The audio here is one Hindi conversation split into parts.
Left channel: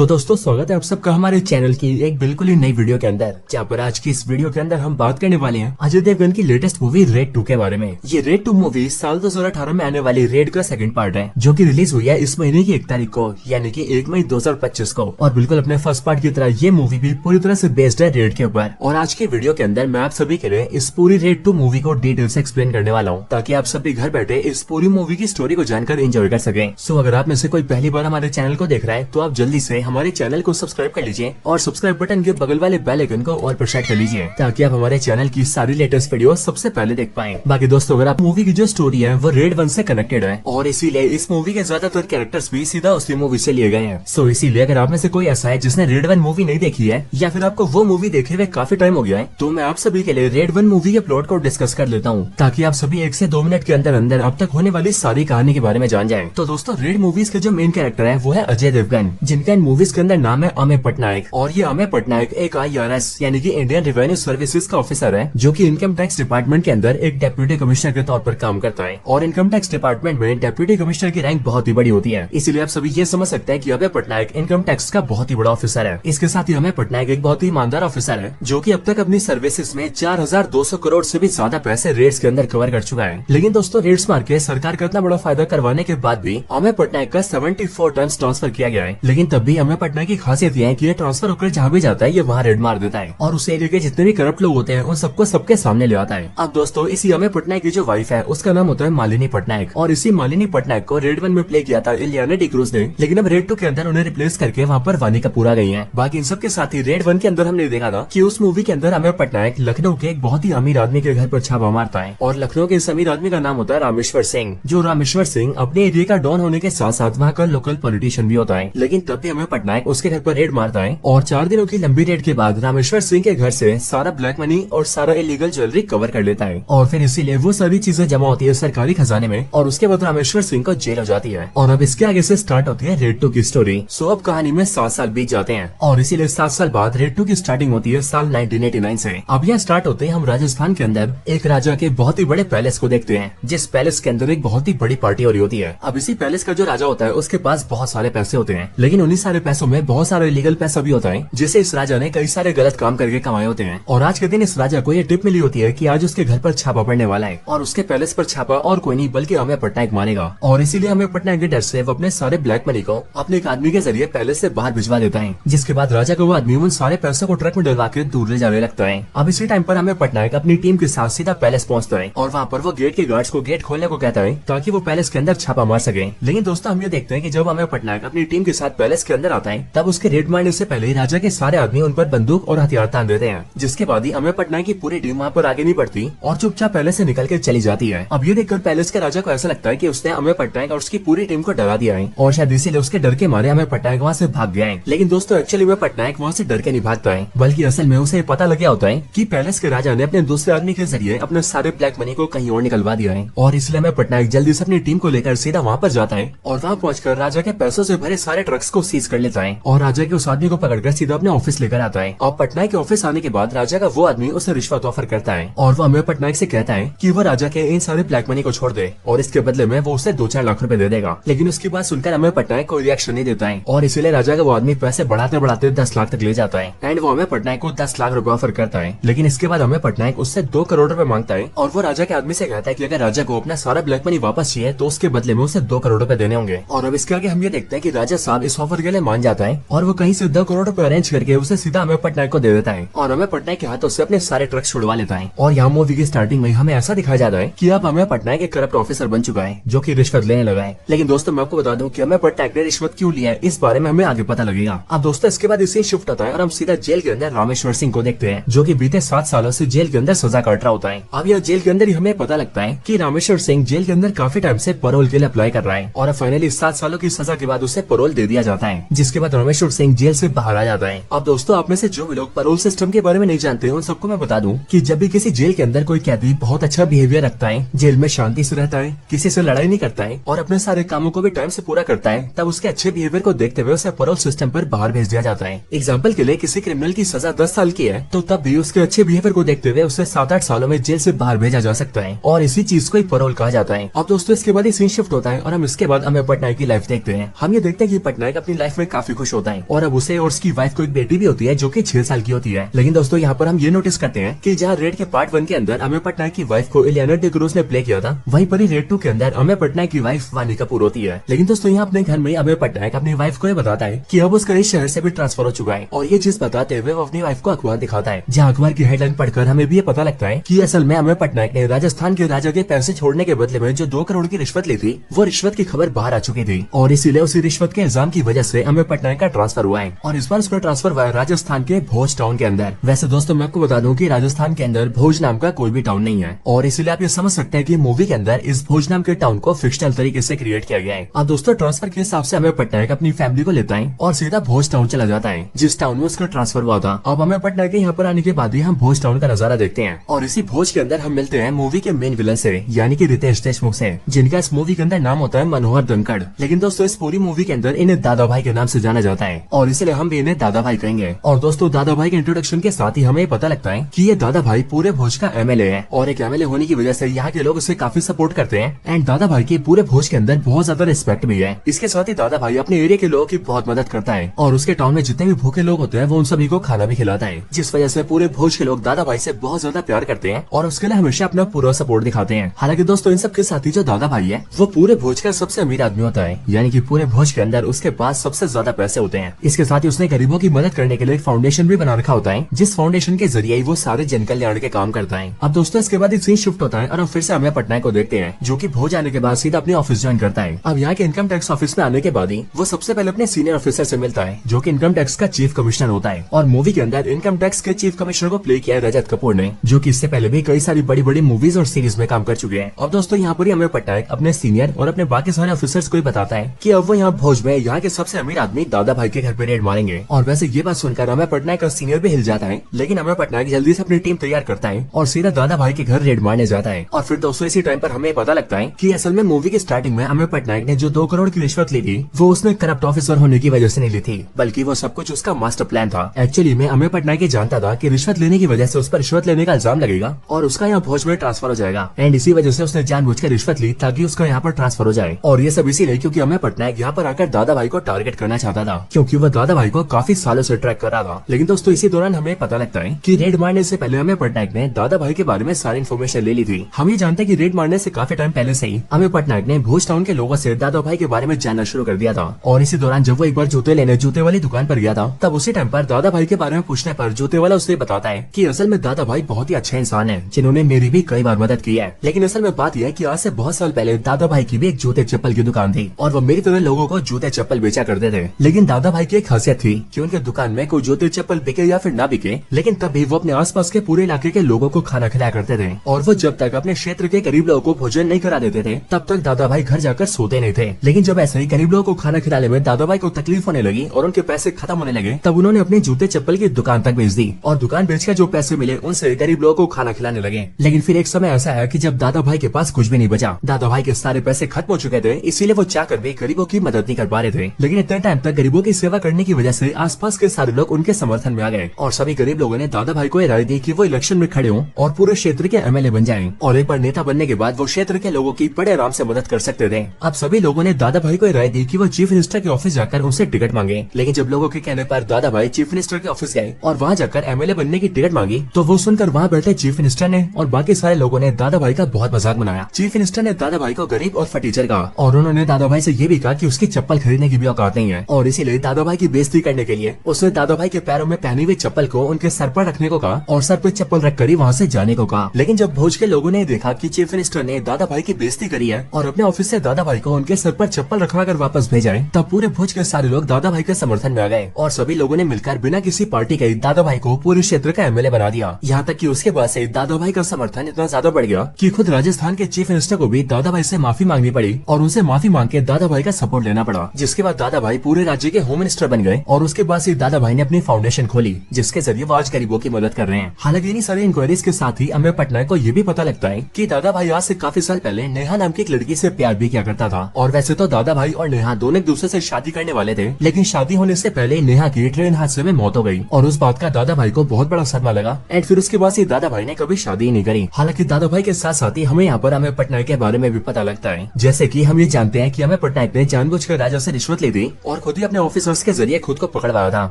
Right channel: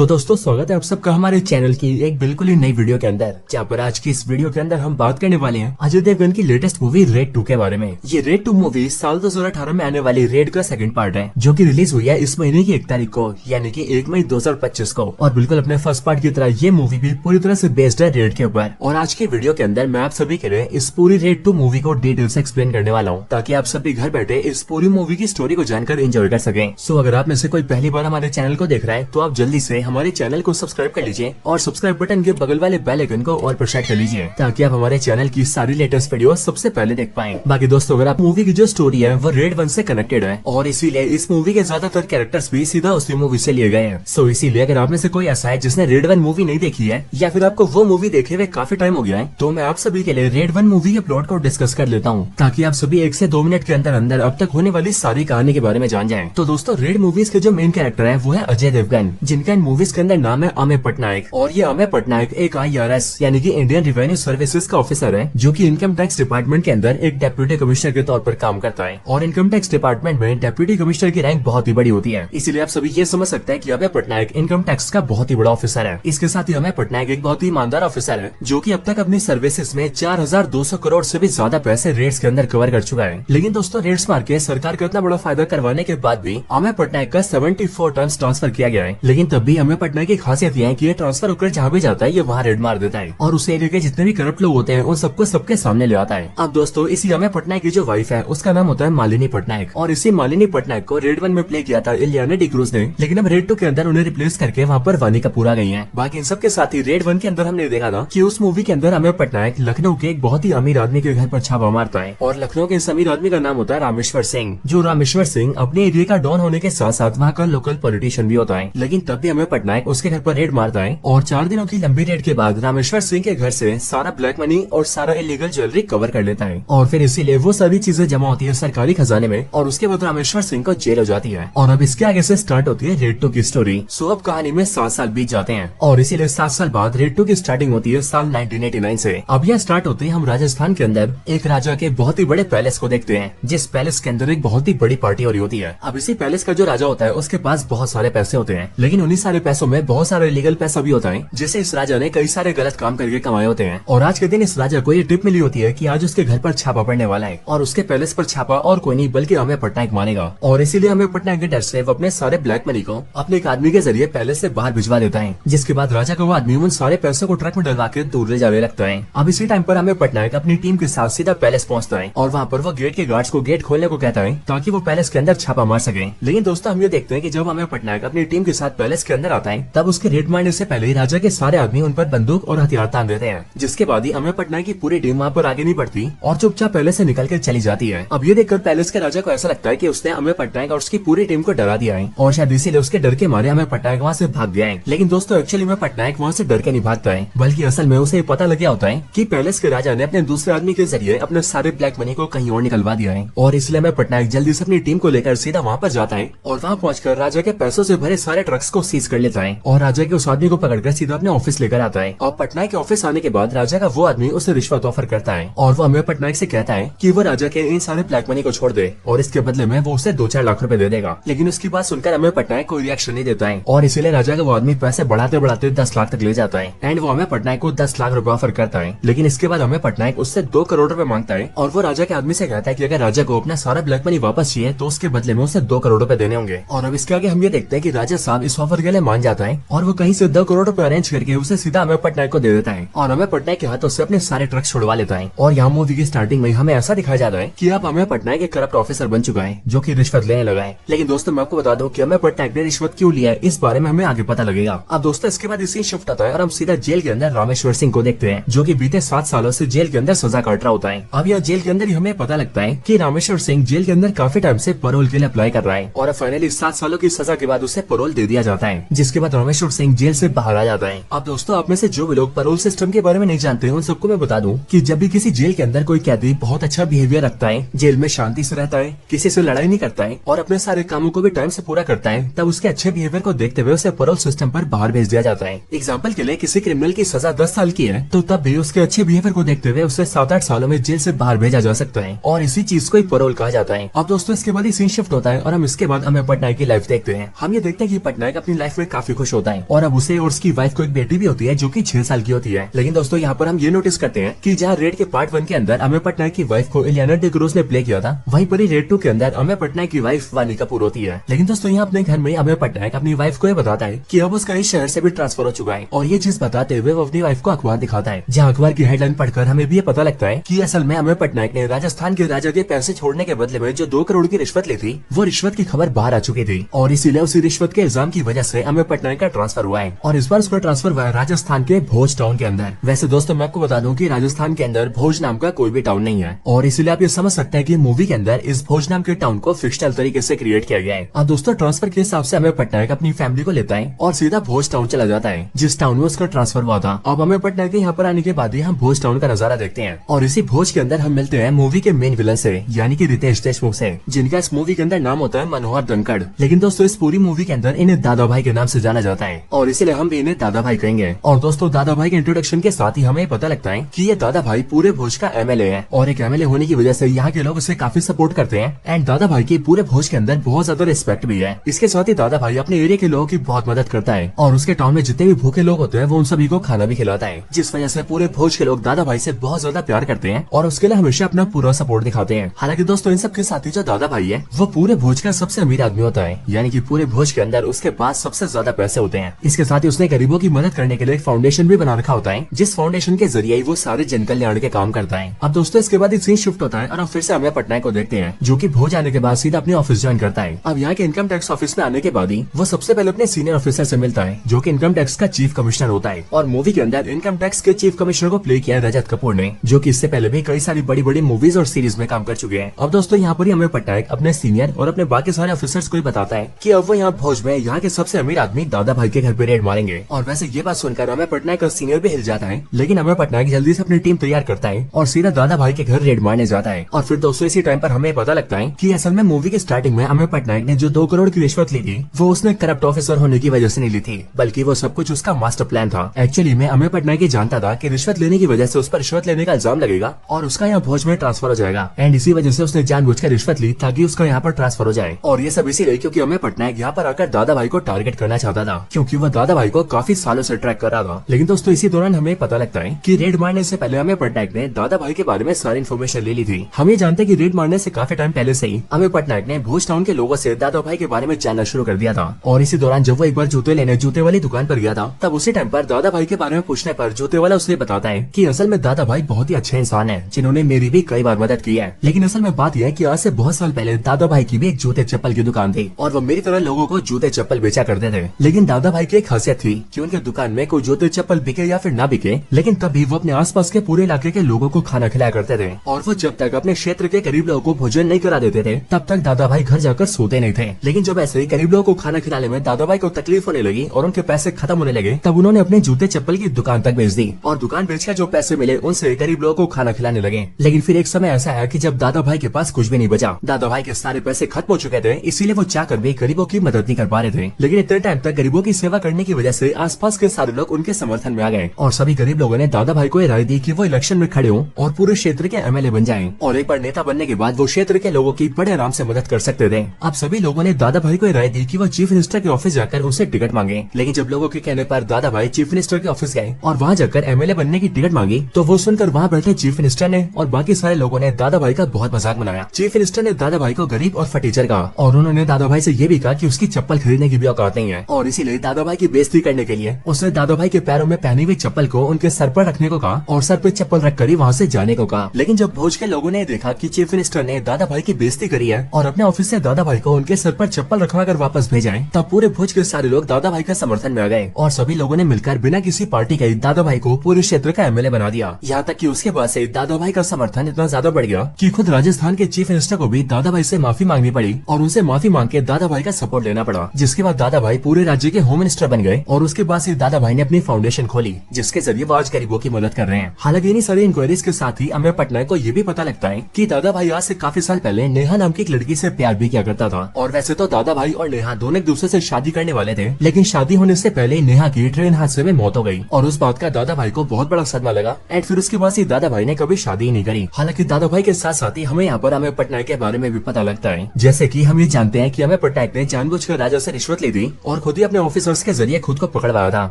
तो दोस्तों स्वागत है आप सबका हमारे चैनल की एक बिल्कुल ही नई वीडियो के अंदर, जहाँ पर आज की इस वीडियो के अंदर हम बात करने वाले हैं अजय देवगन की लेटेस्ट मूवी रेड 2 के बारे में। ये रेड 2 मूवी साल 2018 में आने वाली रेड का सेकंड पार्ट है, जो कि रिलीज हुई है इस महीने की 1 तारीख को, यानी कि 1 मई 2025 को। और बिल्कुल अपने फर्स्ट पार्ट की तरह ये मूवी भी पूरी तरह से बेस्ड है रेड के ऊपर। और आज की वीडियो के अंदर मैं आप सभी के लिए इस पूरी रेड 2 मूवी को डिटेल से एक्सप्लेन करने वाला हूँ, ताकि आप सभी घर बैठे इस पूरी मूवी की स्टोरी को जानकर एंजॉय कर सकें। सो अगर आप में से कोई पहली बार हमारे चैनल को देख रहा है तो आप जल्दी से हमारे चैनल को सब्सक्राइब कर लीजिए और सब्सक्राइब बटन के बगल वाले बेल आइकन को और प्रेस कर लीजिए, ताकि आप हमारे चैनल की सारी लेटेस्ट वीडियो सबसे पहले देख पाएं। बाकी दोस्तों अगर आप मूवी की जो स्टोरी है वो रेड 1 से कनेक्टेड है और इसीलिए इस मूवी के ज्यादातर कैरेक्टर्स भी सीधा उसी मूवी से लिए गए हैं। सो इसीलिए अगर आप में से कोई ऐसा है जिसने रेड 1 मूवी नहीं देखी है या फिर आपको वो मूवी देखे हुए काफी टाइम हो गया है, तो मैं आप सभी के लिए रेड 1 मूवी के प्लॉट को डिस्कस कर लेता हूँ, ताकि आप सभी 1 से 2 मिनट के अंदर अंदर अब तक होने वाली सारी कहानी के बारे में जान जाएं। तो दोस्तों रेड मूवीज के जो मेन कैरेक्टर है वो है अजय देवगन, जिनका इन मूवीज के अंदर नाम है अमेय पटनायक। और ये अमेय पटनायक एक IRS यानी कि इंडियन रेवेन्यू सर्विसेज का ऑफिसर है, जो कि इनकम टैक्स डिपार्टमेंट के अंदर एक डेप्यूटी कमिश्नर के तौर पर काम करता है। और इनकम टैक्स डिपार्टमेंट में डेप्यूटी कमिश्नर की रैंक बहुत ही बड़ी होती है, इसीलिए आप सभी ये समझ सकते हैं कि अमेय पटनायक इनकम टैक्स का बहुत ही बड़ा ऑफिसर है। इसके साथ ही अमेय पटनायक एक बहुत ही ईमानदार ऑफिसर है, जो कि अब तक अपनी सर्विसेज में 4200 करोड़ से भी ज्यादा पैसे रेट्स के अंदर कवर कर चुका है। लेकिन दोस्तों रेट्स मार के सरकार का इतना बड़ा फायदा करवाने के बाद भी अमेय पटनायक का 74 टाइम्स ट्रांसफर किया गया है। लेकिन तब भी अमेय पटनायक की खासियत यह है कि ये ट्रांसफर होकर जहाँ भी जाता है ये वहाँ रेड मार देता है और उस एरिया के जितने भी करप्ट लोग होते हैं उन सबको सबके सामने ले आता है। अब दोस्तों इसी अमेय पटनायक की जो वाइफ है उसका नाम होता है मालिनी पटनायक, और इसी मालिनी पटनायक को रेड 1 में प्ले किया था इलियाना डिक्रूज ने, लेकिन अब रेड 2 के अंदर उन्हें रिप्लेस करके वहाँ पर वानी कपूर आ गई है। बाकी इन सबके साथ ही रेड 1 के अंदर हमने देखा था कि उस मूवी के अंदर अमेय पटनायक लखनऊ के एक बहुत ही अमीर आदमी के घर पर छापा मारता है, और लखनऊ के इस अमीर आदमी का नाम होता है रामेश्वर सिंह। जो रामेश्वर सिंह अपने एरिया का डॉन होने के साथ साथ वहाँ का लोकल पॉलिटिशियन भी होता है। लेकिन तब भी अमेय पटनायक उसके घर पर रेड मारता है, और 4 दिनों की लंबी रेड के बाद रामेश्वर सिंह के घर से सारा ब्लैक मनी और सारा इलीगल ज्वेलरी कवर कर लेता है, और फिर इसीलिए वो सारी चीजें जमा होती है सरकारी खजाने में, और उसके बाद रामेश्वर सिंह को जेल हो जाती है। और अब इसके आगे से स्टार्ट होती है रेड 2 की स्टोरी। सो अब कहानी में 7 साल बीत जाते हैं, और इसीलिए 7 साल बाद रेड 2 की स्टार्टिंग होती है साल 1989 से। अब यह स्टार्ट होते हैं हम राजस्थान के अंदर एक राजा के बहुत ही बड़े पैलेस को देखते हैं, जिस पैलेस के अंदर एक बहुत ही बड़ी पार्टी हो रही होती है। अब इसी पैलेस का जो राजा होता है उसके पास बहुत सारे पैसे होते हैं, लेकिन उन्हीं सारे पैसों में बहुत सारा इलीगल पैसा भी होता है, जिसे इस राजा ने कई सारे गलत काम करके कमाए होते हैं। और आज के दिन इस राजा को ये टिप मिली होती है कि आज उसके घर पर छापा पड़ने वाला है, और उसके पैलेस पर छापा और कोई नहीं बल्कि अमेय पटनायक मारेगा। और इसीलिए अमेय पटनायक के डर से वो अपने सारे ब्लैक मनी को अपने एक आदमी के जरिए पैलेस से बाहर भिजवा देता है, जिसके बाद राजा को वो आदमी उन सारे पैसों को ट्रक में डलवा के दूर ले जाने लगता है। अब इसी टाइम पर अमेय पटनायक अपनी टीम के साथ सीधा पैलेस पहुंचता है, और वहाँ पर वो गेट के गार्ड्स को गेट खोलने को कहता है ताकि वो पैलेस के अंदर छापा मार सके। लेकिन दोस्तों हम ये देखते हैं कि जब अमेय पटनायक अपनी टीम के साथ पैलेस के अंदर आता है, तब उसके रेड मारने से पहले राजा के सारे आदमी उन पर बंदूक और हथियार तान देते हैं, जिसके बाद ही अमेय पटनायक की पूरी टीम वहाँ पर आगे नहीं बढ़ती और चुपचाप पैलेस से निकल के चली जाती है। अब ये देखकर पैलेस के राजा को ऐसा लगता है कि उसने अमेय पटनायक और उसकी पूरी टीम को डरा दिया है, और शायद इसीलिए उसके डर के मारे अमेय पटनायक वहाँ से भाग गया है। लेकिन दोस्तों एक्चुअली अमेय पटनायक वहाँ से डर के नहीं भागता है, बल्कि असल में उसे पता लग गया होता है कि पैलेस के राजा ने अपने दूसरे आदमी के जरिए अपने सारे ब्लैक मनी को कहीं और निकलवा दिया है, और इसलिए अमेय पटनायक जल्दी से अपनी टीम को लेकर सीधा वहाँ पर जाता है, और वहाँ पहुंचकर राजा के पैसों से भरे सारे ट्रक्स को सीज कर लेता है, और राजा के उस आदमी को पकड़कर सीधा अपने ऑफिस लेकर आता है। और पटनायक के ऑफिस आने के बाद राजा का वो आदमी उसे रिश्वत ऑफर करता है, और वो अमेय पटनायक से कहता है कि वो राजा के इन सारे ब्लैक मनी को छोड़ दे, और इसके बदले में वो उसे 2-4 लाख रुपए दे देगा। लेकिन उसकी बात सुनकर अमेय पटनायक कोई रिएक्शन नहीं देता है, और इसीलिए राजा का वो आदमी पैसे बढ़ाते बढ़ाते 10 लाख तक ले जाता है, एंड वो अमेय पटनायक को 10 लाख रुपए ऑफर करता है। लेकिन इसके बाद अमेय पटनायक उससे 2 करोड़ रुपए मांगता है, और वो राजा के आदमी से कहता है कि अगर राजा को अपना सारा ब्लैक मनी वापस चाहिए तो उसके बदले में उसे 2 करोड़ रुपए देने होंगे। और अब इसके आगे हम ये देखते हैं कि राजा साहब इस ऑफर के लिए मान जाता है, और वो कहीं से 2 करोड़ रुपए अरेंज करके उसे सीधा अमेय पटनायक को दे देता है, और अमेय पटनायक के हाथों से अपने सारे ट्रक छुड़वा लेता है। और यहाँ मूवी की स्टार्टिंग में हमें ऐसा दिखाया जाता है कि अब अमेय पटनायक एक करप्ट ऑफिसर बन चुका है, जो कि रिश्वत लेने लगा है। लेकिन दोस्तों मैं आपको बता दूं कि अमेय पटनायक ने रिश्वत क्यों लिया है, इस बारे में हमें आगे पता लगेगा। अब दोस्तों इसके बाद इसे शिफ्ट होता है और हम सीधा जेल के अंदर रामेश्वर सिंह को देखते हैं, जो कि बीते 7 सालों से जेल के अंदर सजा काट रहा होता है। अब यह जेल के अंदर ही हमें पता लगता है कि रामेश्वर सिंह जेल के अंदर काफी टाइम से पैरोल के लिए अप्लाई कर रहा है, और फाइनली 7 सालों की सजा के बाद उसे पैरोल दे दिया जाता है, जिसके बाद रामेश्वर सिंह जेल से बाहर आ जाता है। अब दोस्तों आप में से जो भी लोग पैरोल सिस्टम के बारे में नहीं जानते हैं उन सबको मैं बता दूं कि जब भी किसी जेल के अंदर कोई कैदी बहुत अच्छा बिहेवियर रखता है, जेल में शांति से रहता है, किसी से लड़ाई नहीं करता है और अपने सारे कामों को भी टाइम से पूरा करता है, तब उसके अच्छे बिहेवियर को देखते हुए उसे पैरोल सिस्टम पर बाहर भेज दिया जाता है। एग्जाम्पल के लिए किसी क्रिमिनल की सजा 10 साल की है तो तब भी उसके अच्छे बिहेवियर को देखते हुए उसे 7-8 सालों में जेल से बाहर भेजा जा सकता है, और इसी चीज को ही पैरोल कहा जाता है। अब दोस्तों इसके बाद ही सीन शिफ्ट होता है और हम इसके बाद अमेय पटनायक की लाइफ देखते हैं। हम ये देखते हैं कि पटनायक अपनी लाइफ में काफी खुश होता है और अब उसे और उसकी वाइफ को एक बेटी भी होती है जो कि 6 साल की होती है। लेकिन दोस्तों यहाँ पर हम ये नोटिस करते हैं कि जहाँ रेड के पार्ट 1 के अंदर अमेय पटनायक की वाइफ को इलियाना डिक्रूज ने प्ले किया था, वहीं पर ही रेड 2 के अंदर अमेय पटनायक की वाइफ वानी कपूर होती है। लेकिन दोस्तों यहाँ अपने घर में अमेय पटनायक अपनी वाइफ को ये बताता है कि अब उसका इस शहर से भी ट्रांसफर हो चुका है और ये चीज बताते हुए वो अपनी वाइफ को अखबार दिखाता है, जहाँ अखबार की हेडलाइन पढ़कर हमें भी ये पता लगता है कि असल में अमेय पटनायक ने राजस्थान के राजा के पैसे छोड़ने के बदले में जो 2 करोड़ की रिश्वत ली थी, वो रिश्वत की खबर बाहर आ चुकी थी और इसीलिए उसी रिश्वत के इल्जाम की वजह से अमेय पटनायक का ट्रांसफर हुआ है और इस बार उसका ट्रांसफर हुआ है राजस्थान के भोज टाउन के अंदर। वैसे दोस्तों मैं आपको बता दूं कि राजस्थान के अंदर भोज नाम का कोई भी टाउन नहीं है और इसीलिए आप ये समझ सकते हैं कि मूवी के अंदर इस भोज नाम के टाउन को फिक्शनल तरीके से क्रिएट किया गया है। अब दोस्तों ट्रांसफर के हिसाब से अमेय पटनायक अपनी फैमिली को लेता है और सीधा भोज टाउन चला जाता है, जिस टाउन में उसका ट्रांसफर हुआ था। अब अमेय पटनायक के यहाँ पर आने के बाद ही हम भोज टाउन का नजारा देखते हैं और इसी भोज के अंदर हम मिलते हैं मूवी के मेन विलन से, यानी कि रितेश देशमुख से, जिनका इस मूवी के अंदर नाम होता है मनोहर धनखड़। लेकिन दोस्तों इस पूरी मूवी के अंदर इन्हें दादा भाई के नाम से जाना जाता है और इसीलिए हम भी इन्हें दादा भाई कहेंगे। और दोस्तों दादा भाई के इंट्रोडक्शन के साथ ही हमें पता लगता है कि ये दादा भाई पूरे भोज का एमएलए है और एक एमएलए होने की वजह से यहाँ के लोग उसे काफी सपोर्ट करते हैं एंड दादा भाई की पूरे भोज के अंदर बहुत ज्यादा रिस्पेक्ट भी है। इसके साथ ही दादा भाई अपने एरिया के लोगों की बहुत मदद करता है और उसके टाउन में जितने भी भूखे लोग होते हैं वो उन सभी को खाना भी खिलाता है, जिस वजह से पूरे भोज के लोग दादा भाई से बहुत ज्यादा प्यार करते हैं और उसके लिए हमेशा अपना पूरा सपोर्ट दिखाते हैं। हालांकि दोस्तों इन सब के साथ ही जो दादा भाई है वो पूरे भोज का सबसे अमीर आदमी होता है, यानी कि पूरे भोज के अंदर उसके पास सबसे ज्यादा पैसे होते हैं। इसके साथ ही उसने गरीबों की मदद करने के लिए एक फाउंडेशन भी बना रखा होता है, जिस फाउंडेशन के जरिए वो सारे जन कल्याण के काम करता है। अब दोस्तों इसके बाद सीन शिफ्ट होता है और हम फिर से अमेय पटनायक को देखते हैं जो कि भोज आने के बाद सीधा अपने ऑफिस ज्वाइन करता है। अब यहाँ के इनकम टैक्स ऑफिस में आने के बाद ही वो सबसे पहले अपने सीनियर ऑफिसर से मिलता है जो कि इनकम टैक्स का चीफ कमिश्नर होता है और मूवी के अंदर इनकम टैक्स के चीफ कमिश्नर को प्ले किया है रजत कपूर ने, जो कि इससे पहले भी कई सारी बड़ी बड़ी मूवीज और सीरीज में काम कर चुके हैं। अब दोस्तों यहाँ पर ही अमेय पटनायक अपने सीनियर और अपने बाकी सारे ऑफिसर्स को बताता है कि अब वो यहाँ भोज में यहाँ के सबसे अमीर आदमी दादा भाई के घर पे रेड मारेंगे। और वैसे ये बात सुनकर अमेय पटनायक का सीनियर भी हिल जाता है, लेकिन अमेय पटनायक जल्दी से अपनी टीम तैयार करता है और सीधा दादा भाई के घर रेड मारने जाता है। और फिर दोस्तों इसी टाइम पर हमें पता लगता है कि असल में मूवी की स्टार्टिंग में अमेय पटनायक ने जो 2 करोड़ की रिश्वत ली थी वो उसने करप्ट ऑफिसर होने की वजह से नहीं ली थी, बल्कि वो सब कुछ उसका मास्टर प्लान था। एक्चुअली में अमेय पटनायक जानता था कि रिश्वत लेने की वजह से उस पर रिश्वत लेने का इल्जाम लगेगा और उसका यहाँ भोज में ट्रांसफर हो जाएगा एंड इसी वजह से उसने जानबूझकर रिश्वत ली ताकि उसका यहाँ पर ट्रांसफर हो जाए। और ये सब इसीलिए क्योंकि अमेय पटनायक यहाँ पर आकर दादा भाई को टारगेट करना चाहता था, क्योंकि वो दादा भाई को काफी सालों से ट्रैक कर रहा था। लेकिन दोस्तों इसी दौरान हमें पता लगता है कि रेड मारने से पहले अमेय पटनायक ने दादा भाई के बारे में सारी इन्फॉर्मेशन ले ली थी। हम ये जानते हैं कि रेड मारने से काफी टाइम पहले से ही अमेय पटनायक ने भोज टाउन के लोगों से दादा भाई के बारे में जानना शुरू कर दिया था। और इसी दौरान जब वो एक बार जूते लेने जूते वाली दुकान पर गया था, तब उसी टाइम पर दादा भाई के बारे में पूछने पर जूते वाला उसे बताता है कि असल में दादा भाई बहुत ही अच्छे इंसान है जिन्होंने मेरी भी कई बार मदद की है। लेकिन असल में बात यह है कि आज से बहुत साल पहले दादा भाई की भी एक जूते चप्पल की दुकान थी और वो मेरी तरह लोगों को जूते चप्पल बेचा करते थे। लेकिन दादा भाई की एक खासियत थी कि उनके दुकान में कोई जूते चप्पल बिके या फिर ना बिके, लेकिन तब भी वो अपने आसपास के पूरे इलाके के लोगों को खाना खिलाया करते थे। और वो जब तक अपने क्षेत्र के गरीब लोगों को भोजन नहीं करा देते थे तब तक दादा भाई घर जाकर सोते नहीं थे। लेकिन जब ऐसे ही गरीब लोगों को खाना खिलाने में दादा भाई को तकलीफ होने लगी और उनके पैसे खत्म होने लगे, तब उन्होंने अपने जूते चप्पल की दुकान तक बेच दी और दुकान बेचकर जो पैसे मिले उनसे गरीब लोगों को खाना खिलाने लगे। लेकिन फिर एक समय ऐसा है कि जब दादा भाई के पास कुछ भी नहीं बचा, दादा भाई के सारे पैसे खत्म हो चुके थे, इसीलिए वो चाहकर भी गरीबों की मदद नहीं कर पा रहे थे। लेकिन इतने टाइम तक गरीबों की सेवा करने की वजह से आसपास के सारे लोग उनके समर्थन में आ गए और सभी गरीब लोगों ने दादा भाई को राय दी कि वो इलेक्शन में खड़े हों और पूरे क्षेत्र के एमएलए बन जाएं और एक बार नेता बनने के बाद वो क्षेत्र के लोगों की बड़े आराम से मदद कर सकते थे। अब सभी लोगों ने दादा भाई को राय दी कि वो चीफ मिनिस्टर के ऑफिस जाकर उनसे टिकट मांगे। लेकिन जब लोगों के कहने पर दादा भाई चीफ मिनिस्टर के ऑफिस गए और वहाँ जाकर एमएलए बनने की टिकट मांगी, तो वो सुनकर वहाँ बैठे चीफ मिनिस्टर ने और बाकी सारे लोगों ने दादा भाई का बहुत मजाक बनाया। चीफ मिनिस्टर ने दादा भाई को गरीब और फटीचर कहा और उन्होंने दादा भाई से ये भी कहा कि उसकी चप्पल खरीदने की भी औकात नहीं है और इसीलिए दादा भाई की बेइज्जती करने के लिए उसने दादा भाई के पैरों में पहनी हुई चप्पल को उनके सर पर रखने को कहा और सर पर चप्पल रखकर ही वहाँ से जाने को कहा। लेकिन जब भोज के लोगों ने देखा कि चीफ मिनिस्टर ने दादा भाई की बेइज्जती करी है और अपने ऑफिस से दादा भाई को उनके सर पर चप्पल रखवाकर वापस भेजा है, तब पूरे भोज के सारे लोग दादा भाई के समर्थन में आ गए और सभी लोगों ने मिलकर बिना किसी पार्टी के दादा भाई को पूरे क्षेत्र का एमएलए बना दिया। यहाँ तक कि उसके बाद से दादा भाई का समर्थन इतना ज्यादा बढ़ गया कि खुद राजस्थान के चीफ मिनिस्टर को भी दादा भाई से माफी मांगनी पड़ी और उनसे माफी मांग के दादा भाई का सपोर्ट लेना पड़ा, जिसके बाद दादा भाई पूरे राज्य के होम मिनिस्टर बन गए और उसके बाद से दादा भाई ने अपनी फाउंडेशन खोली जिसके जरिए वो आज गरीबों की मदद कर रहे हैं। हालांकि इन्हीं सारी इंक्वायरीज के साथ ही अमेय पटनायक को ये भी पता लगता है कि दादा भाई आज से काफी साल पहले नेहा नाम की एक लड़की से प्यार भी किया करता था। और वैसे तो दादा भाई और नेहा दोनों एक दूसरे से शादी करने वाले थे, लेकिन शादी होने से पहले नेहा की ट्रेन हादसे में मौत हो गई और उस बात का दादा भाई को बहुत बड़ा सदमा लगा एंड फिर उसके बाद से दादा भाई ने कभी शादी ही नहीं करी। हालांकि दादा भाई के साथ साथ ही हमें यहाँ पर अमेय पटनायक के बारे में भी पता लगता है, जैसे कि हम ये जानते हैं कि अमेय पटनायक ने जानबूझकर राजा से रिश्वत ली थी और खुद ही अपने ऑफिसर्स के जरिए खुद को पकड़वाया था।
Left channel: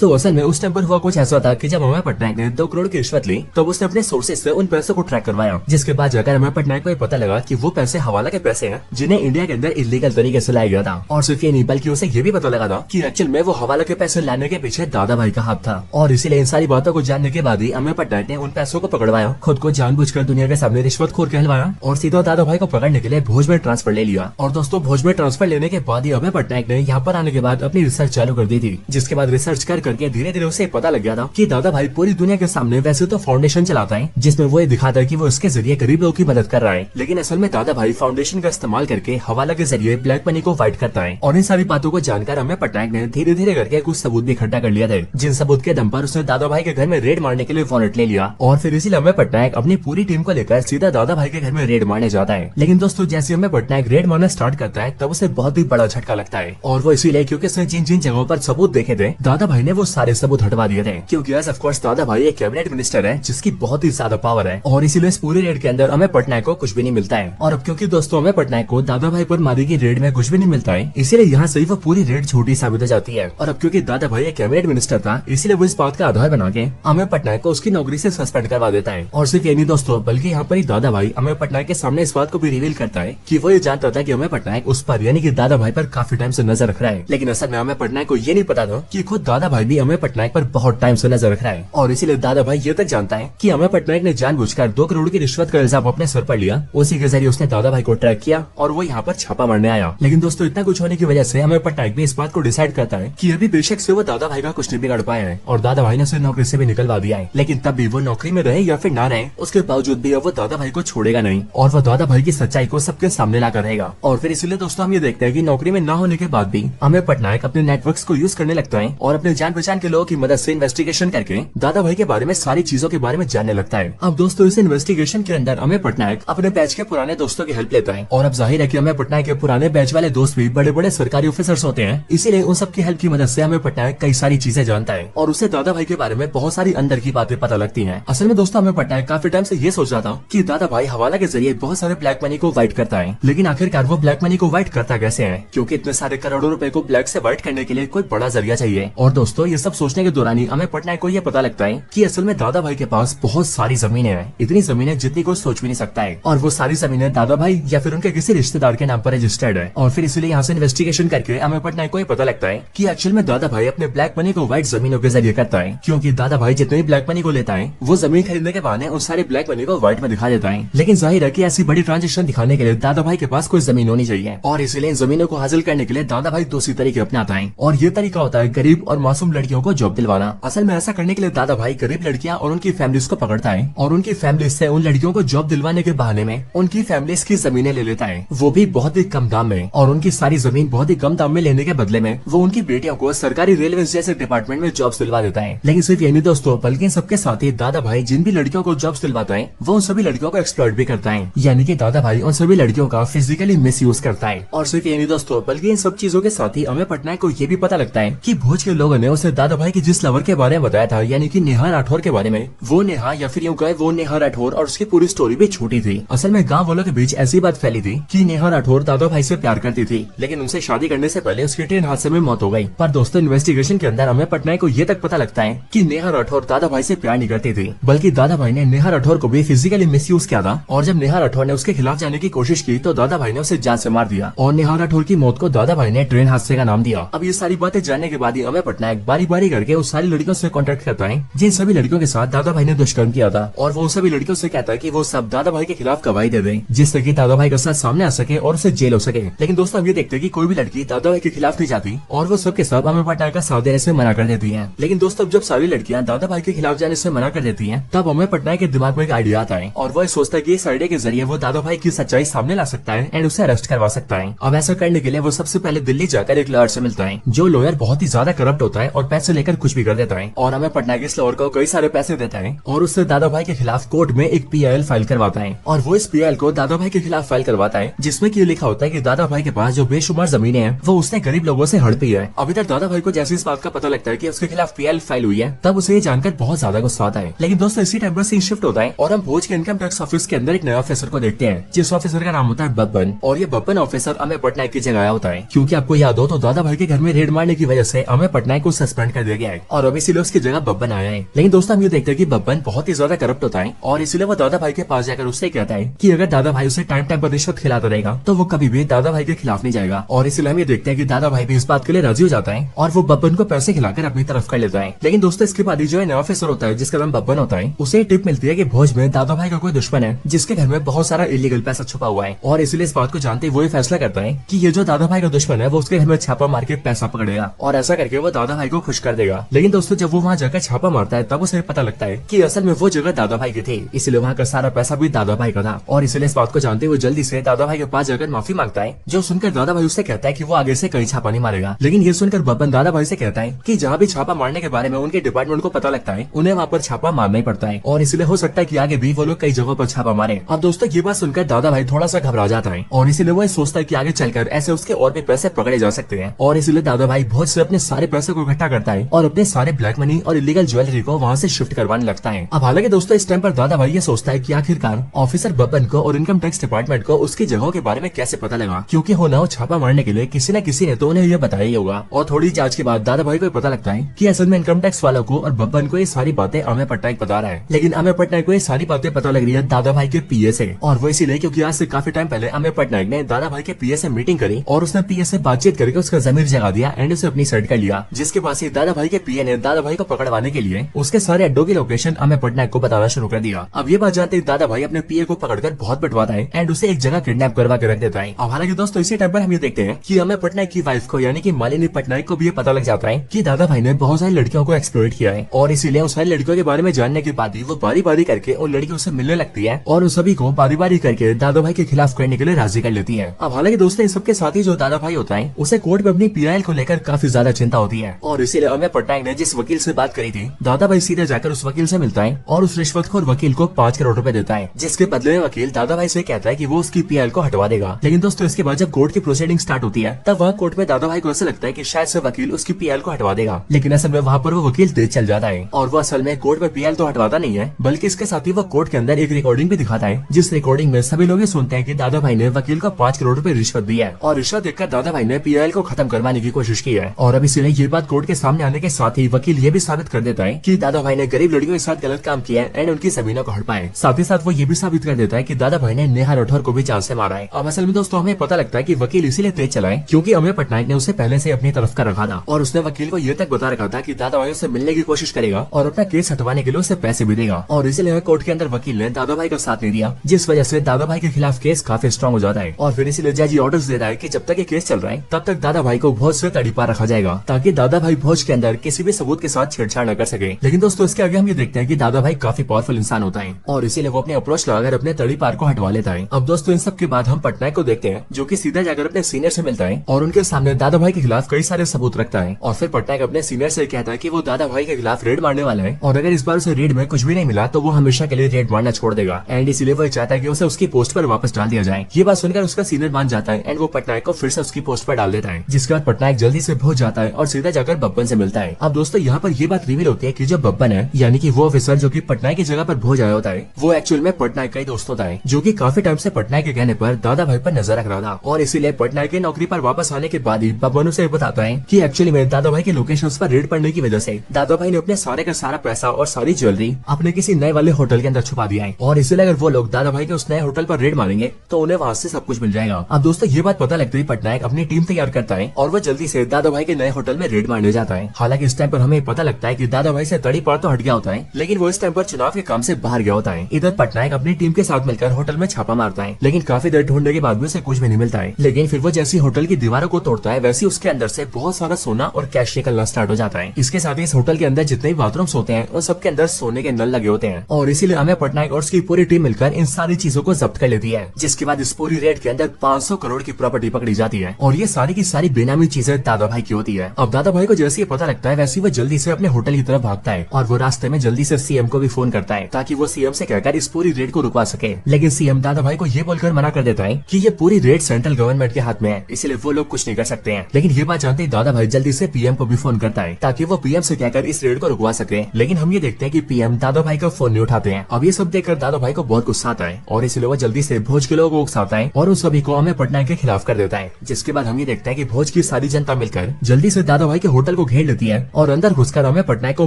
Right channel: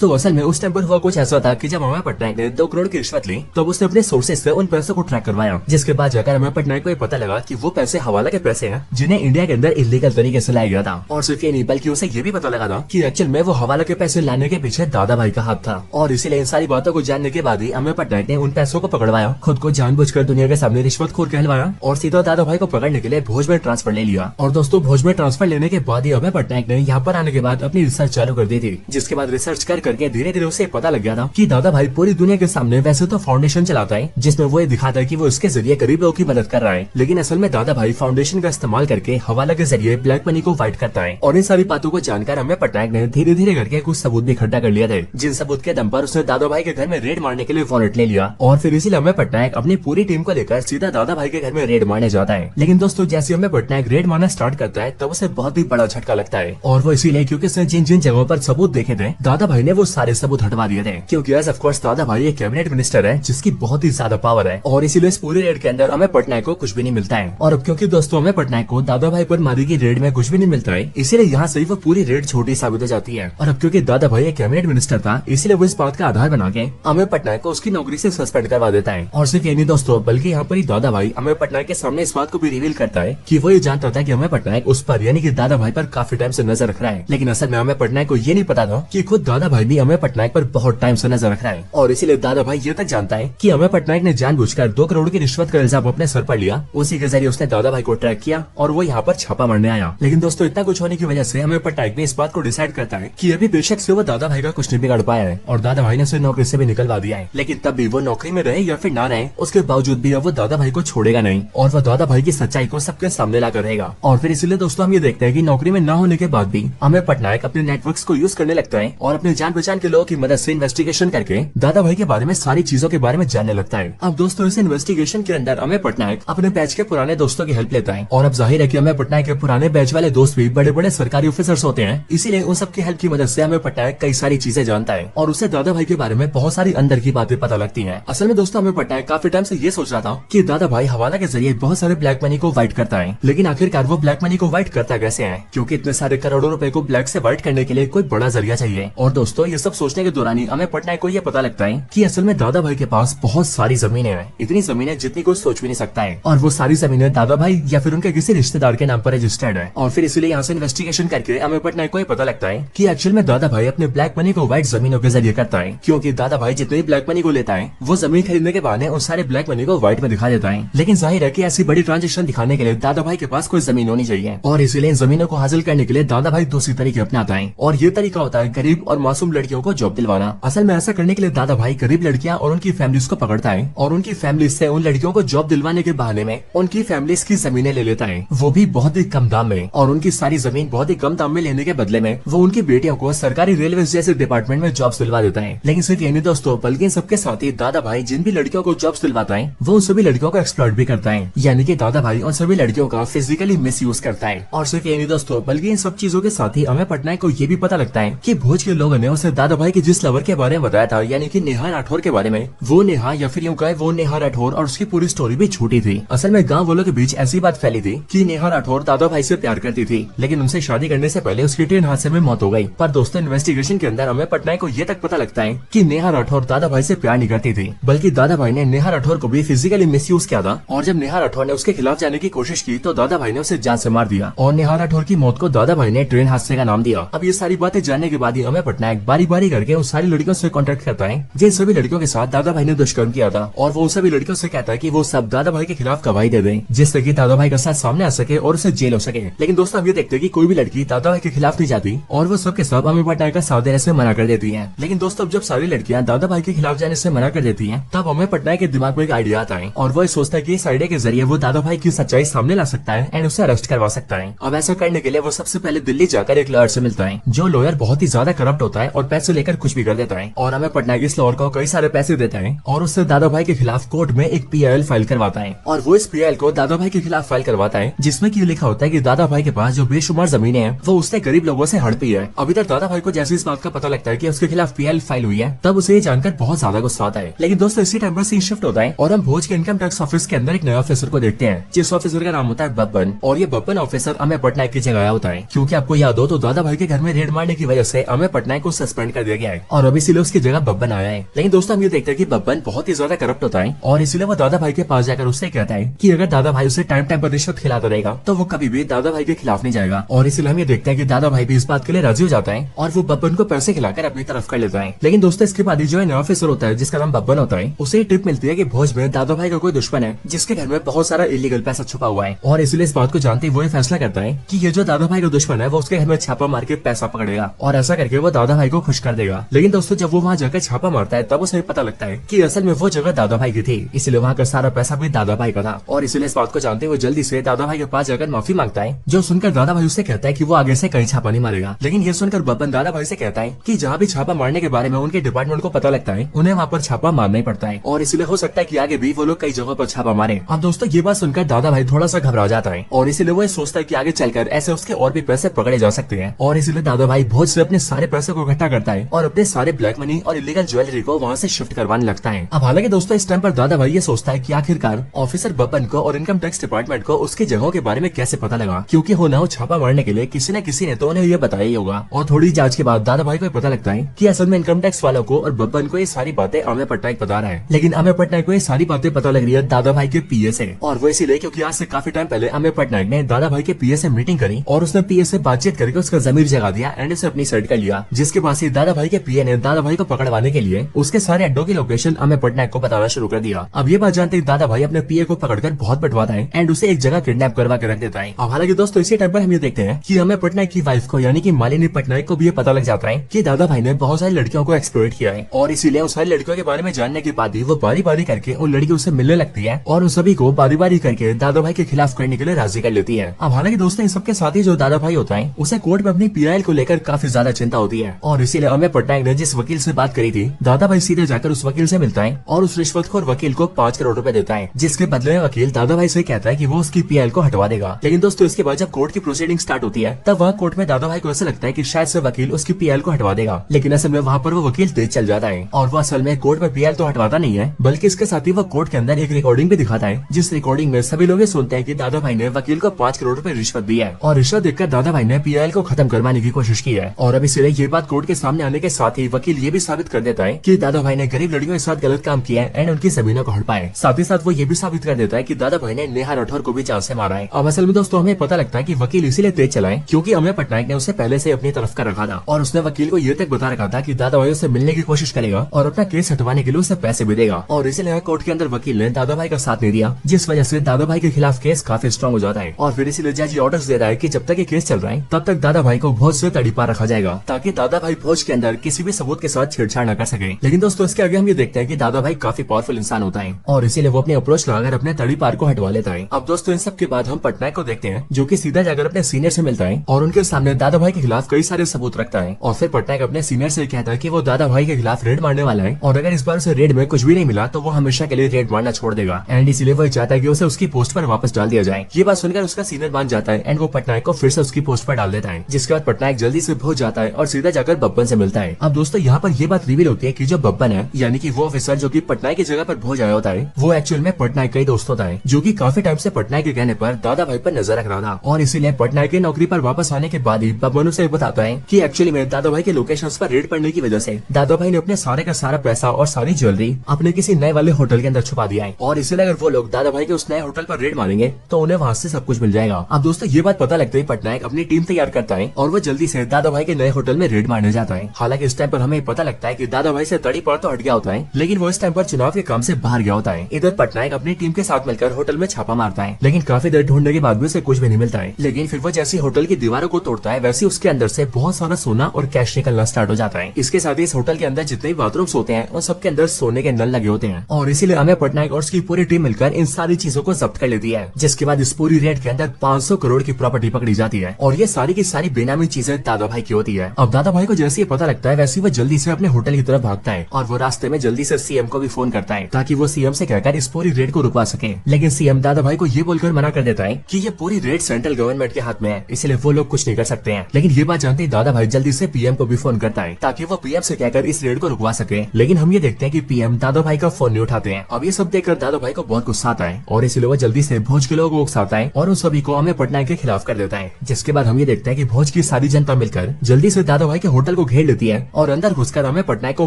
तो असल में उस टाइम पर हुआ कुछ ऐसा था कि जब अमर पटनायक ने 2 करोड़ की रिश्वत ली तब उसने अपने सोर्सेज से उन पैसों को ट्रैक करवाया, जिसके बाद जाकर अमर पटनायक को पता लगा कि वो पैसे हवाला के पैसे हैं जिन्हें इंडिया के अंदर इलीगल तरीके से लाया गया था। और सिर्फ ये नहीं बल्कि उसे ये भी पता लगा था कि एक्चुअल में वो हवाला के पैसे लाने के पीछे दादा भाई का हाथ था। और इसीलिए इन सारी बातों को जानने के बाद ही अमर पटनायक ने उन पैसों को पकड़वाया, खुद को जानबूझकर दुनिया के सामने रिश्वतखोर कहलवाया और सीधा दादा भाई को पकड़ने के लिए भोज में ट्रांसफर ले लिया। और दोस्तों भोज में ट्रांसफर लेने के बाद ही अमर पटनायक ने यहाँ पर आने के बाद अपनी रिसर्च चालू कर दी थी, जिसके बाद रिसर्च करके धीरे धीरे उसे पता लग गया था कि दादा भाई पूरी दुनिया के सामने वैसे तो फाउंडेशन चलाता है जिसमें वो ये दिखाता है कि वो इसके जरिए गरीब लोगों की मदद कर रहा है, लेकिन असल में दादा भाई फाउंडेशन का इस्तेमाल करके हवाला के जरिए ब्लैक मनी को फाइट करता है। और इन सारी बातों को जानकर अमर पटनायक ने धीरे धीरे करके कुछ सबूत भी इकट्ठा कर लिए थे, जिन सबूत के दम पर उसने दादा भाई के घर में रेड मारने के लिए वारंट ले लिया। और फिर इसीलिए अमर पटनायक अपनी पूरी टीम को लेकर सीधा दादा भाई के घर में रेड मारने जाता है। लेकिन दोस्तों जैसे अमर पटनायक रेड मारना स्टार्ट करता है तब उसे बहुत ही बड़ा झटका लगता है, और वो इसीलिए क्योंकि उसने जिन जिन जगहों पर सबूत देखे थे दादा भाई ने वो सारे सबूत हटवा दिए थे, क्योंकि एज ऑफ कोर्स दादा भाई एक कैबिनेट मिनिस्टर है जिसकी बहुत ही ज्यादा पावर है। और इसीलिए इस पूरे रेड के अंदर अमर पटनायक को कुछ भी नहीं मिलता है। और अब क्योंकि दोस्तों अमर पटनायक को दादा भाई पर मारी की रेड में कुछ भी नहीं मिलता है, इसीलिए यहाँ से वो पूरी रेड छोटी साबित हो जाती है। और अब क्योंकि दादा भाई एक कैबिनेट मिनिस्टर था इसलिए वो इस बात का आधार बना के अमर पटनायक को उसकी नौकरी से सस्पेंड करवा देता है। और सिर्फ ये नहीं दोस्तों बल्कि यहाँ पर ही दादा भाई अमर पटनायक के सामने इस बात को भी रिवील करता है कि वो ये जानता था कि अमर पटनायक उस पर यानी कि दादा भाई पर काफी टाइम से नजर रख रहा है, लेकिन असल में अमर पटनायक को ये नहीं पता था कि खुद दादा भाई भी अमर पटनायक पर बहुत टाइम से नजर रख रहा है। और इसीलिए दादा भाई ये तक जानता है कि अमर पटनायक ने जानबूझकर 2 करोड़ की रिश्वत का इल्जाम अपने सर पर लिया, उसी के जरिए उसने दादा भाई को ट्रैक किया और वो यहाँ पर छापा मारने आया। लेकिन दोस्तों इतना कुछ होने की वजह से अमर पटनायक भी इस बात को डिसाइड करता है कि अभी बेशक से वो दादा भाई का कुछ नहीं बिगाड़ पाया है और दादा भाई ने उसे नौकरी से भी निकलवा दिया है, लेकिन तब भी वो नौकरी में रहे या फिर ना रहे उसके बावजूद भी अब वो दादा भाई को छोड़ेगा नहीं और वो दादा भाई की सच्चाई को सबके सामने लाकर रहेगा। और फिर इसलिए दोस्तों हम ये देखते हैं कि नौकरी में ना होने के बाद भी अमर पटनायक अपने नेटवर्क्स को यूज करने लगता है और अपने जान पहचान के लोगों की मदद से इन्वेस्टिगेशन करके दादा भाई के बारे में सारी चीजों के बारे में जानने लगता है। अब दोस्तों इस इन्वेस्टिगेशन के अंदर अमर पटनायक अपने बैच के पुराने दोस्तों की हेल्प लेता है और अब जाहिर है कि अमर पटनायक के पुराने बैच वाले दोस्त भी बड़े बड़े सरकारी ऑफिसर्स होते हैं, इसीलिए उन सबकी हेल्प की मदद से अमर पटनायक कई सारी चीजें जानता है और उसे दादा भाई के बारे में बहुत सारी अंदर की बातें पता लगती हैं। असल में दोस्तों अमर पटनायक काफी टाइम से ये सोच रहा था कि दादा भाई हवाला के जरिए बहुत सारे ब्लैक मनी को वाइट करता है, लेकिन आखिरकार वो ब्लैक मनी को वाइट करता कैसे है, क्योंकि इतने सारे करोड़ों रुपए को ब्लैक से वाइट करने के लिए कोई बड़ा जरिया चाहिए। और दोस्तों ये सब सोचने के दौरान ही अमर पटनायक को ये पता लगता है कि असल में दादा भाई के पास बहुत सारी जमीनें हैं, इतनी जमीनें जितनी कोई सोच भी नहीं सकता है, और वो सारी जमीनें दादा भाई या फिर उनके किसी रिश्तेदार के नाम पर रजिस्टर्ड है। और फिर इसलिए यहाँ से इन्वेस्टिगेशन करके अमर पटनायक को ये पता लगता है कि एक्चुअल में दादा भाई अपने ब्लैक मनी को व्हाइट जमीनों के जरिए करता है, क्योंकि दादा भाई जितनी ब्लैक मनी को लेता है वो जमीन खरीदने के बहाने उस सारे ब्लैक मनी को व्हाइट में दिखा देता है। लेकिन जाहिर है कि ऐसी बड़ी ट्रांजेक्शन दिखाने के लिए दादा भाई के पास कोई जमीन होनी चाहिए और इसीलिए इन जमीनों को हासिल करने के लिए दादा भाई दूसरी तरीके अपनाता है और ये तरीका होता है गरीब और मासूम लड़कियों को जॉब दिलवाना। असल में ऐसा करने के लिए दादा भाई गरीब लड़कियां और उनकी फैमिलीज को पकड़ता है और उनकी फैमिली से उन लड़कियों को जॉब दिलवाने के बहाने में उनकी फैमिलीज की जमीनें ले लेता है, वो भी बहुत ही कम दाम में। और उनकी सारी जमीन बहुत ही कम दाम में लेने के बदले में वो उनकी बेटियों को सरकारी रेलवे जैसे डिपार्टमेंट में जॉब दिलवा देता है। लेकिन सिर्फ ये नहीं दोस्तों बल्कि सबके साथ ही दादा भाई जिन भी लड़कियों को जॉब दिलवाता है वो उन सभी लड़कियों को एक्सप्लॉइट भी करता है, यानी कि दादा भाई उन सभी लड़कियों का फिजिकली मिसयूज करता है। और सिर्फ ये नहीं दोस्तों बल्कि इन सब चीजों के साथ ही अमर पटनायक को ये भी पता लगता है कि भोज के लोगों ने उसे दादा भाई की जिस लवर के बारे में बताया था यानी कि नेहा राठौर के बारे में, वो नेहा या फिर यूं कहे वो नेहा राठौर और उसकी पूरी स्टोरी भी छोटी थी। असल में गांव वालों के बीच ऐसी बात फैली थी कि नेहा राठौर दादा भाई से प्यार करती थी, लेकिन उनसे शादी करने से पहले उसकी ट्रेन हादसे में मौत हो गई। पर दोस्तों इन्वेस्टिगेशन के अंदर अमर पटनायक को ये तक पता लगता है कि नेहा राठौर दादा भाई से प्यार नहीं करती थी, बल्कि दादा भाई ने नेहा राठौर को भी फिजिकली मिसयूज किया था और जब नेहा राठौर ने उसके खिलाफ जाने की कोशिश की तो दादा भाई ने उसे जान से मार दिया और नेहा राठौर की मौत को दादा भाई ने ट्रेन हादसे का नाम दिया। अब ये सारी बातें जानने के बाद ही अमर पटनायक बारी बारी करके उस सारी लड़कियों से कॉन्टेक्ट करता है जिन सभी लड़कियों के साथ दादा भाई ने दुष्कर्म किया था और वो सभी लड़कियों से कहता है कि वो सब दादा भाई के खिलाफ गवाही दे दें जिससे कि दादा भाई का साथ सामने आ सके और उसे जेल हो सके। लेकिन दोस्तों अब ये देखते हैं कि कोई भी लड़की दादा भाई के खिलाफ नहीं जाती और वो सबके सब अमर पटनायक का साथ देने से मना कर देती है। लेकिन दोस्तों जब सारी लड़कियां दादा भाई के खिलाफ जाने से मना कर देती हैं तब अमर पटनायक के दिमाग में एक आइडिया आता है और वो सोचता है कि इस आइडिया के जरिए वो दादा भाई की सच्चाई सामने ला सकता है एंड उसे अरेस्ट करवा सकता है। अब ऐसा करने के लिए वो सबसे पहले दिल्ली जाकर एक लॉयर से मिलता है जो लॉयर बहुत ही ज्यादा करप्ट होता है और पैसे लेकर कुछ भी कर देता है और अमर पटनायक इस लॉयर को कई सारे पैसे देता है और उससे दादा भाई के खिलाफ कोर्ट में एक PIL फाइल करवाता है और वो इस PIL को दादा भाई के खिलाफ फाइल करवाता है जिसमें कि ये लिखा होता है कि दादा भाई के पास जो बेशुमार जमीनें हैं वो उसने गरीब लोगों से हड़पी है। अभी तक दादा भाई को जैसे इस बात का पता लगता है कि उसके खिलाफ PIL फाइल हुई है तब उसे ये जानकर बहुत ज्यादा गुस्सा आता है। लेकिन दोस्तों इसी टाइम पर सीन शिफ्ट होता है और हम भोज के इनकम टैक्स ऑफिस के अंदर एक नया ऑफिसर को देखते हैं जिस ऑफिसर का नाम होता है बब्बन और ये बब्बन ऑफिसर अमर पटनायक की जगह होता है क्योंकि आपको याद हो तो दादा दादा भाई के घर में रेड मारने की वजह से अमेय पटनायक को सस्पेंड कर दिया गया है और अब इसीलिए उसकी जगह बब्बन आया है। लेकिन दोस्तों हम ये देखते हैं कि बब्बन बहुत ही ज्यादा करप्ट होता है और इसीलिए वो दादा भाई के पास जाकर उससे कहता है कि अगर दादा भाई उसे टाइम टाइम पर रिश्वत खिलाता रहेगा तो वो कभी भी दादा भाई के खिलाफ नहीं जाएगा। और इसलिए हम ये देखते हैं कि दादा भाई भी इस बात के लिए राजी हो जाता है और वो बब्बन को पैसे खिलाकर अपनी तरफ कर लेता है। लेकिन दोस्तों इसके बाद जो नया ऑफिसर होता है जिसका नाम बब्बन होता है, उसे टिप मिलती है कि भोज में दादा भाई का कोई दुश्मन है जिसके घर में बहुत सारा इलीगल पैसा छुपा हुआ है और इसलिए इस बात को जानते वो फैसला करता है कि ये जो दादा भाई का दुश्मन है वो उसके घर में छापा मार के पैसा पकड़ेगा और ऐसा करके वो दादा भाई को खुश कर देगा। लेकिन दोस्तों जब वो वहाँ जाकर छापा मारता है तब उसे पता लगता है कि असल में वो जगह दादा भाई की थी, इसलिए वहाँ का सारा पैसा भी दादा भाई का था। और इसलिए इस बात को जानते वो जल्दी से दादा भाई के पास जाकर माफी मांगता है, जो सुनकर दादा भाई उससे कहता है कि वो आगे से कहीं छापा नहीं मारेगा। लेकिन ये सुनकर बब्बन दादा भाई से कहता है कि जहाँ भी छापा मारने के बारे में उनके डिपार्टमेंट को पता लगता है उन्हें वहाँ पर छापा मारना ही पड़ता है और इसलिए हो सकता है कि आगे भी वो लोग कई जगहों पर छापा मारे। अब दोस्तों ये बात सुनकर दादा भाई थोड़ा सा घबरा जाता है और इसलिए वो सोचता है कि आगे चलकर ऐसे उसके और भी पैसे पकड़े जा सकते हैं और इसलिए दादा भाई भोज से अपने सारे पैसे को इकट्ठा करता है और अपने सारे ब्लैक मनी और इलीगल ज्वेलरी को वहाँ से शिफ्ट करवाने लगता है। अब हालांकि दोस्तों इस टाइम पर दादा भाई ये सोचता है कि आखिरकार ऑफिसर बब्बन को और इनकम टैक्स डिपार्टमेंट को उसकी जगहों के बारे में कैसे पता लगा, क्योंकि होना हो छापा मारने के लिए किसी न किसी ने तो उन्हें ये बताया ही होगा। और थोड़ी जांच के बाद दादा भाई को पता लगता है कि असल में इनकम टैक्स वालों को और बब्बन को ये सारी बातें अमेय पटनायक बता रहा है। लेकिन अमेय पटनायक को ये सारी बातें पता लग रही है दादा भाई के पीए से, और वो इसीलिए क्योंकि आज से काफी टाइम पहले अमेय पटनायक ने दादा भाई के पीए से मीटिंग करी और उसने पीए से बातचीत करके उसका जमीर जगा दिया एंड उसे अपनी साइड कर लिया, जिसके बाद से दादा भाई के पीए ने दादा भाई को पकड़वाने के लिए उसके सारे अड्डों की लोकेशन अमेय पटनायक को बताना शुरू कर दिया। अब ये बात जानते ही दादा भाई अपने पीए को पकड़कर बहुत पिटवाता है एंड उसे एक जगह किडनैप करवा के रख देता है। अब हालांकि दोस्तों इसी टाइम पर हम ये देखते हैं कि अमेय पटनायक की वाइफ को यानी कि मालिनी पटनायक को भी ये पता लग जाता है कि दादा भाई ने बहुत सारी लड़कियों को एक्सप्लॉइट किया है और इसीलिए उन सारी लड़कियों के बारे में जानने के बाद ही वो बारी बारी करके उन लड़कियों से मिलने लगती है और उन सभी को बारी बारी करके दादा भाई के खिलाफ करने के लिए राजी कर लेती है। अब हालांकि दोस्तों इस सबके साथ ही जो दादा भाई होता है उसे कोर्ट में अपनी पीआईएल को लेकर काफी ज्यादा चिंता होती है और इसीलिए अमेय पटनायक ने जिस वकील से बात करी थी दादा भाई सीधे जाकर उस वकील से मिलता है और उस रिश्वतखोर वकील को 5 करोड़ रुपए देता है, जिसके बदले में वकील दादा भाई से कहता है कि वो उसकी पीएल को हटवा देगा। लेकिन दोस्तों इसके बाद जब कोर्ट की प्रोसीडिंग स्टार्ट होती है तब वहाँ कोर्ट में दादा भाई को ऐसा लगता है कि शायद से वकील उसकी पीएल को हटवा देगा, लेकिन असल में वहाँ पर वो वकील तेज चल जाता है और वो असल में कोर्ट में पीएल तो हटवाता नहीं है बल्कि इसके साथ ही वो कोर्ट के अंदर एक रिकॉर्डिंग भी दिखाता है, जिस रिकॉर्डिंग में सभी लोग सुनते हैं कि दादा भाई ने वकील को 5 करोड़ रुपए रिश्वत दी है और रिश्वत देखकर दादा भाई ने पीएल को खत्म करवाने की कोशिश की है। और अब इसलिए ये बात कोर्ट के सामने आने के साथ ही वकील ये भी साबित कर देता है कि दादा भाई ने गरीब लड़कियों के साथ गलत काम किया है एंड उनकी जमीनों को हड़पा है। साथ ही साथ वो ये भी साबित कर देता है कि दादा भाई ने नेहा राठौर को भी जान से मारा है। अब असल में दोस्तों हमें पता लगता है कि वकील इसीलिए तेज चला है क्योंकि अमेय पटनायक ने उसे पहले से अपनी तरफ कर रखा था और उसने वकील को ये तक बता रखा था कि दादा भाई से मिलने की कोशिश करेगा और अपना केस हटवाने के लिए उसे पैसे भी देगा। और इसलिए कोर्ट के अंदर वकील ने दादा भाई का साथ नहीं दिया, जिस वजह से दादा भाई के खिलाफ केस काफी स्ट्रांग हो जाता है और फिर इसलिए जज ऑर्डर्स देता है कि जब तक ये केस चल रहा है तब तक दादा भाई को भोज से तड़ीपार रखा जाएगा ताकि दादा भाई भोज के अंदर किसी भी सबूत के साथ छेड़छाड़ न कर सके। लेकिन दोस्तों इसके आगे हम ये देखते हैं कि दादा भाई काफी पावरफुल इंसान होता है और इसीलिए वो अपने अप्रोच लगाकर अपने तड़ीपार को हटवा लेता है। अब दोस्तों इन सब के बाद हम पटनायक को देखते हैं जो कि सीधा जाकर अपने सीनियर से मिलता है और उनके सामने दादा भाई के खिलाफ कई सारे सबूत रखता है और फिर पटनायक अपने सीनियर से कहता है कि वो दादा भाई के खिलाफ रेड मारने वाला है और अगर इस बार उसे रेड में कुछ भी नहीं मिला तो वो हमेशा के लिए रेड मारना छोड़ देगा एंड इसीलिए वो चाहता है कि उसे उसकी पोस्ट पर वापस डाल दिया जाए। ये बात सुनकर उसका सीनियर मान जाता है एंड वो पटनायक को फिर से उसकी पोस्ट पर डाल देता है, जिसके बाद पटनायक जल्दी से भोज जाता है और सीधा जाकर बब्बन से मिलता है। अब दोस्तों यहाँ पर ये बात रिवील होती है कि जो बब्बन है यानी कि वो ऑफिसर जो कि पटनायक की जगह पर भोज आया होता है वो एक्चुअल में पटनायक का ही दोस्त होता है, जो कि काफी टाइम से पटनायक के कहने पर दादा भाई पर नजर रख रहा था और इसीलिए पटनायक की नौकरी पर वापस आने के बाद ही बब्बन उसे बताता है कि एक्चुअली में दादा भाई के लोकेशन पर रेड पड़ने की वजह से दादा भाई ने अपने सारे का सारा पैसा और सारी ज्वेलरी अपने किसी नए वाले होटल के अंदर छुपा दिया है और इसीलिए अगर वो लोग दादा भाई के उस नए होटल पर रेड मारेंगे तो उन्हें वहाँ से सब कुछ मिल जाएगा। अब दोस्तों ये बात पता लगते ही पटनायक अपनी टीम तैयार करता है और वो जल्दी से दादा भाई के नए होटल में रेड मारने जाता है। हालांकि इस टाइम पर हमें पता लगता है कि दादा भाई से तड़ीपार तो हट गया होता है, लेकिन वो इस टाइम पर चुनाव के काम से बाहर गया होता है। इधर पटनायक अपनी टीम के साथ मिलकर होटल में छापा मारता है, लेकिन काफी देर ढूंढने के बाद भी उसे कुछ भी नहीं मिलता है। लेकिन फिर वो जैसी होटल की दीवारों को तोड़ता है वैसे उसके अंदर से बहुत सारा सोना और कैश निकलना स्टार्ट हो जाता है। इसके साथ ही इस होटल के अंदर जितने भी बाथरूम्स होते हैं उन सबके अंदर सोने के नल लगे होते हैं और इसीलिए अमेय पटनायक और उसकी पूरी टीम मिलकर इन सारी चीजों को जब्त कर लेती है, जिसके बाद इस पूरी रेड के अंदर 500 करोड़ की प्रॉपर्टी पकड़ी जाती है और ये सारी की सारी बेनामी चीजें दादा भाई की होती है। अब दादा भाई को जैसे ये पता लगता है वैसे वो जल्दी से अपने होटल की तरफ भागता है और वो रास्ते में जल्दी से सीएम को भी फोन करता है ताकि वो सीएम से कहकर इस पूरी रेड को रुकवा सके। लेकिन सीएम दादा भाई को ये बोलकर मना कर देता है कि ये पूरी रेड सेंट्रल गवर्नमेंट के हाथ में है, इसलिए वो लोग कुछ नहीं कर सकते हैं। लेकिन ये बात जानते ही दादा भाई जल्दी से पीएम को भी फोन करता है ताकि वो पीएम से कहकर इस रेड को रुकवा सके। लेकिन हम ये देखते हैं कि पीएम दादा भाई का फोन नहीं उठाते हैं। अब ये सब देखकर दादा भाई को बहुत गुस्सा आता है और इसलिए वो जल्दी से भोज के लोगों को उकसाता है और उन सभी को अमेय पटनायक के खिलाफ कर देता है। जिसके बाद हम ये देखते हैं कि भोज भोज की सारी जनता मिलकर जल्दी से दादा भाई के होटल को घेर लेती है और अंदर घुसकर अमेय पटनायक को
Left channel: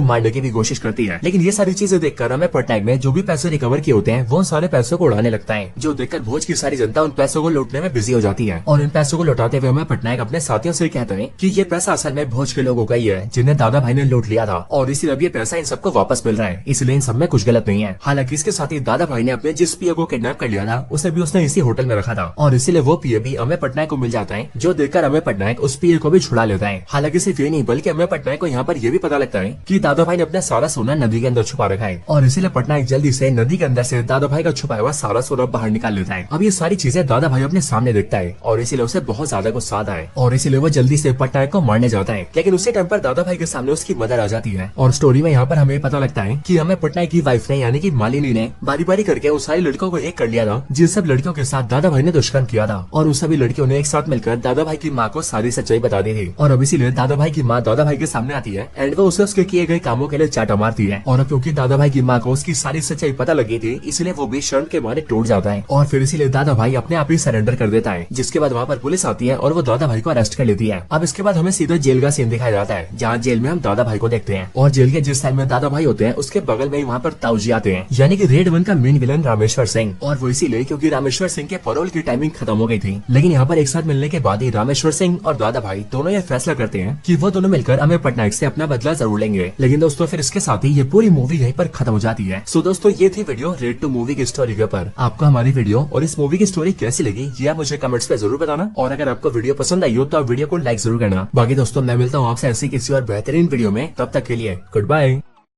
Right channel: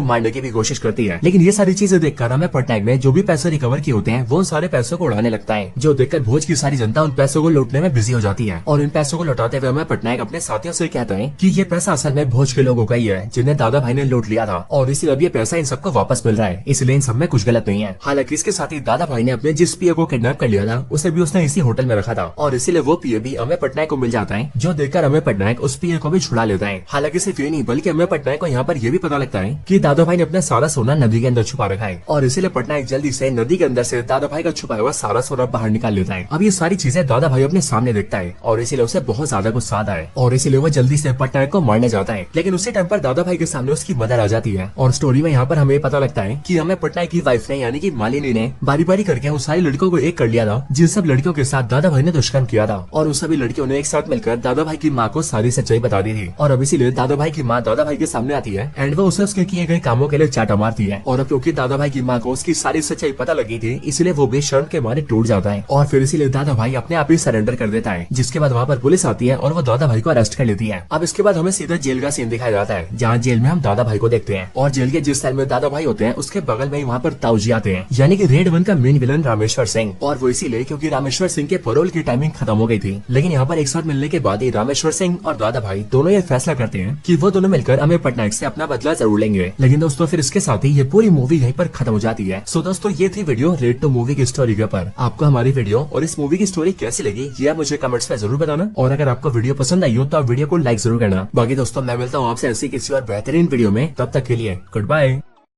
मारने की भी कोशिश करती है। लेकिन ये सारी चीजें देखकर अमेय पटनायक ने जो भी पैसे रिकवर किए होते हैं वो सारे पैसों को उड़ाने लगता है, जो देखकर भोज की सारी जनता उन पैसों को लूटने में बिजी हो जाती है। और इन पैसों को लौटाते हुए अमेय पटनायक अपने साथियों से कहता है कि ये पैसा असल में भोज के लोगों का ही है जिन्हें दादा भाई ने लूट लिया था और इसलिए अब ये पैसा इन सबको वापस मिल रहा है, इसलिए इन सब में कुछ गलत नहीं है। हालांकि इसके साथ ही दादा भाई ने अपने जिस पीए को किडनैप कर लिया था उसे भी उसने इसी होटल में रखा था और इसीलिए वो पीए भी अमेय पटनायक को मिल जाता है, जो देखकर अमेय पटनायक उस पीए को भी छुड़ा लेता है। हालांकि सिर्फ ये नहीं बल्कि अमेय पटनायक को यहाँ पर यह भी पता लगता है कि दादा भाई ने अपना सारा सोना नदी के अंदर छुपा रखा है और इसीलिए पटनायक जल्दी से नदी के अंदर से दादा भाई का छुपाया हुआ सारा सोना बाहर निकाल लेता है। अब ये सारी चीजें दादा भाई अपने सामने देखता है और इसीलिए उसे बहुत ज्यादा गुस्सा आता है और इसीलिए वो जल्दी से पटनायक को मारने जाता है। लेकिन उसी टाइम पर दादा भाई के सामने उसकी मदर आ जाती है और स्टोरी में यहाँ पर हमें पता लगता है कि अमेय पटनायक की वाइफ ने यानी कि मालिनी ने बारी बारी करके उन सारी लड़कियों को एक कर लिया था जिन सब लड़कियों के साथ दादा भाई ने दुष्कर्म किया था और उस सभी लड़कियों ने एक साथ मिलकर दादा भाई की माँ को सारी सच्चाई बता दी थी और अब इसीलिए दादा भाई की माँ दादा भाई के सामने आती है एंड वो उसे उसके किए गए कामों के लिए चाटा मारती है। और अब क्योंकि दादा भाई की माँ को उसकी सारी सच्चाई पता लगी थी इसलिए वो बेशर्म के मारे टूट जाता है और फिर इसीलिए दादा भाई अपने आप ही सरेंडर कर देता है, जिसके बाद वहाँ पर पुलिस आती है और वो दादा भाई को अरेस्ट कर लेती है। अब इसके बाद हमें सीधा जेल का सीन दिखाया जाता है जहाँ जेल में हम दादा भाई को देखते हैं और जेल के जिस सेल में दादा भाई होते हैं उसके बगल में वहाँ पर ताऊजी आते हैं यानी कि रेड 1 का मेन विलन रामेश्वर सिंह, और वो इसीलिए क्योंकि रामेश्वर सिंह के पैरोल की टाइमिंग खत्म हो गई थी। लेकिन यहाँ पर एक साथ मिलने के बाद ही रामेश्वर सिंह और दादा भाई दोनों ये फैसला करते हैं कि वो दोनों मिलकर अमेय पटनायक से अपना बदला जरूर लेंगे। लेकिन दोस्तों फिर इसके साथ ही ये पूरी मूवी यहीं पर खत्म हो जाती है। सो दोस्तों ये थी वीडियो रेड 2 मूवी की स्टोरी के ऊपर। आपको हमारी वीडियो और इस मूवी की स्टोरी कैसी लगी ये आप मुझे कमेंट्स पे जरूर बताना और अगर आपको वीडियो पसंद आई हो तो आप वीडियो को लाइक जरूर करना। बाकी दोस्तों मैं मिलता हूँ आपसे ऐसे किसी और बेहतरीन वीडियो में, तब तक के लिए गुड बाय।